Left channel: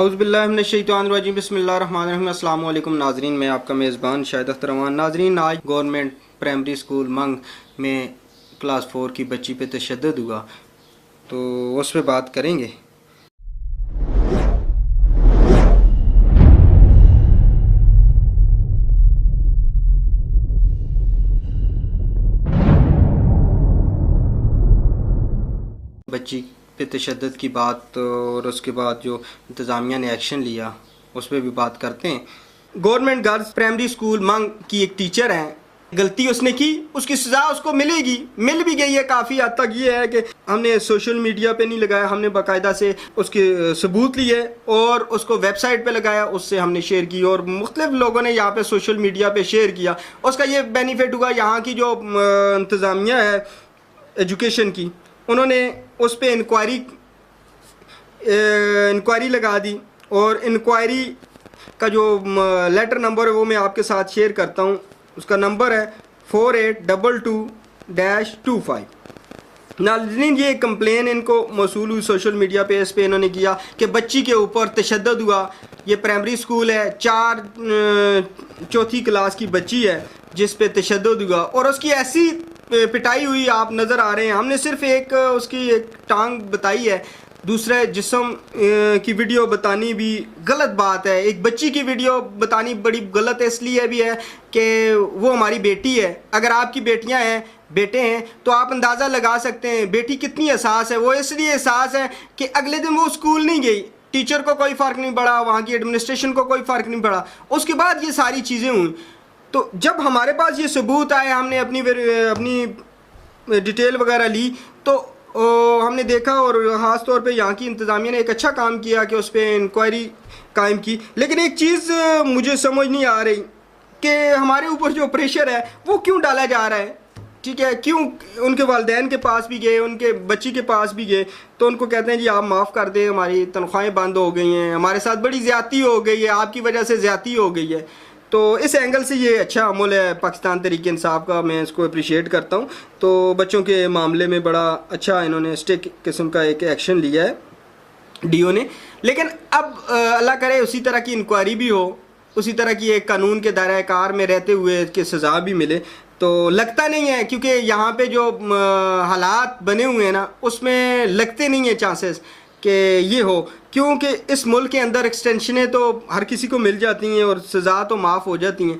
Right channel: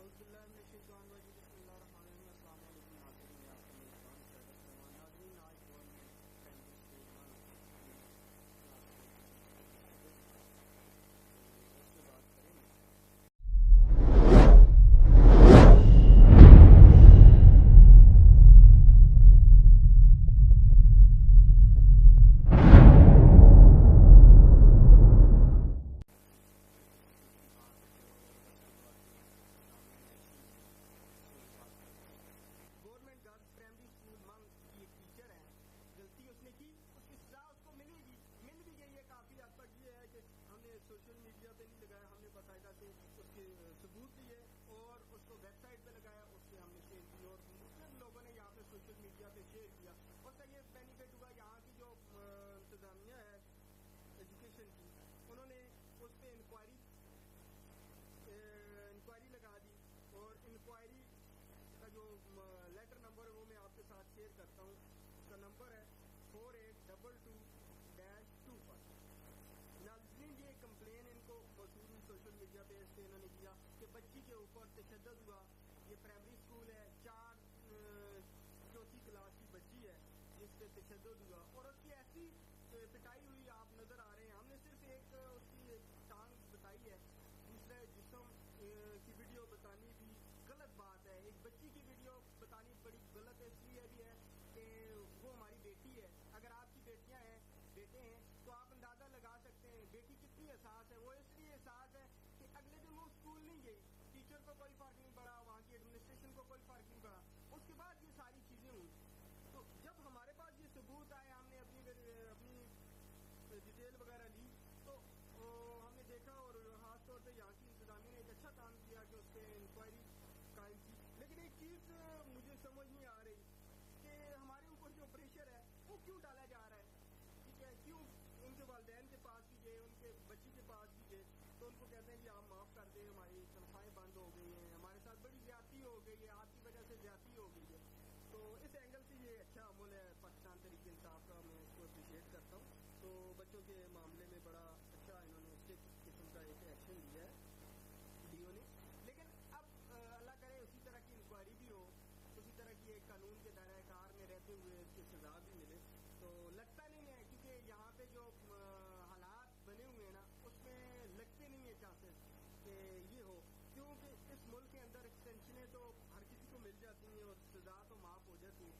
औज़ुबिल्लाहिमिनश्शैतानिर्रजीम बिस्मिल्लाहिर्रहमानिर्रहीम। अस्सलाम वालेकुम नाज़रीन, मैं आपका मेज़बान शाहिद अख्तर अमान। नाज़रीन, आज गवर्नमेंट प्राइमरी स्कूल मंग में क्लास 4 की बच्ची पे तशद्दुद हुआ, तो उस पर बात करेंगे। बच्ची पे तशद्दुद की बात और उसके बाद जो इंतज़ामिया ने एक्शन लिया उस पर भी बात करते हैं। गवर्नमेंट गर्ल्स प्राइमरी स्कूल मंग की एक टीचर हैं, गलती उसने की, उसकी सज़ा उसको मिलेगी, मिल भी गई है। काफ़ी हद तक ये है कि हमने सोशल मीडिया पे नहीं लगाया, हमने बाकायदा से उसके सबूत लिए और उसको वेबसाइट पे लगाया, उससे हमने शेयर की और मुख्तलिफ लोगों ने यहाँ पे सोशल मीडिया पे शेयर किया। उसका ये बेनिफिट हुआ, यहाँ की जो इंतज़ामिया है एजुकेशन की, उन्होंने उस पर इंक्वायरी लगा दी और इंक्वायरी का जो लेटर नंबर है वो मैं आपके साथ शेयर करता हूँ। उसका नंबर है 4822-25। नाज़रीन, ये कंप्लेन इनको मौसूल हुई सोशल मीडिया पे, इस पे इन्होंने किया कि बच्ची के ऊपर तशद्दुद हुआ। ये प्राइमरी स्कूल है, चौथी क्लास की बच्ची है जिस पे तशद्दुद हुआ और उसकी ऐसी पिटाई हुई, आप नज़र आ रहे हैं। हमने सिर्फ एक उसकी एक टांग बताई है, दूसरे जिस्म की वीडियो बतानी भी गलत बात है। एक बच्ची की वीडियो बतानी बड़ी गलत इसलिए भी है कि वो हमारी बेटी है। अगर आपकी बेटियां हैं, बेटे हैं, तो आप अंदाज़ा लगा सकते हैं बेटी कितनी एहसास है। वो इसलिए एहसास है कि अगले दिन वो स्कूल नहीं गई, टीचर को कोई फ़र्क नहीं पड़ा, वहाँ की एडमिनिस्ट्रेशन को कोई फ़र्क नहीं पड़ा। उसके बाद ये सारी चीज़ें हुई। तो जब हमारे पास ये सबूत आए, हमने अपनी डिटेल वगैरह ली, तो हमने देखा और ख़ास तौर पे यहाँ की इंतज़ामिया ने एक अच्छा काम किया कि उस पर इंक्वायरी कायम की। लेकिन एक चीज़ मुझे समझ नहीं आ रही कि हमारे ऊपर जो प्रेशर है वो क्यों डाला जा रहा है। ठीक है, क्यों उनके वालिदैन के पास भी गए, उनके बच्ची के पास भी गए, तो उनको कहते हैं जी आप माफ़ कर दें, हमारी तनख्वाहें बंद हो गई हैं, हमारे साथ बड़ी ज़्यादती हो गई है, आपकी वजह से ज़्यादती हो गई है। तो इस एंगल से ये अच्छा अमल है पाकिस्तान तहरीक इंसाफ का, मैं इसको अप्रिशिएट करता हूँ। तो बच्चों के मामले में बड़ा अच्छा इन्होंने स्टिक किस्म का एक एक्शन लिया है डीओ ने। लेकिन अब अल्लाह करे उसी तरह की इंक्वायरी भी हो, उसी तरह की एक कानून के दायरे कार में रहते हुए कि सज़ा भी मिले। तो लगता नहीं है, क्योंकि यहाँ पे जो हालात बने हुए हैं ना, उसमें लगते नहीं है चांसेस कि ये हो, क्योंकि इस मुल्क के अंदर एक्सटेंशनें तो हर किसी को मिल जाती हैं और सज़ा तो माफ़ हो जाती हैं।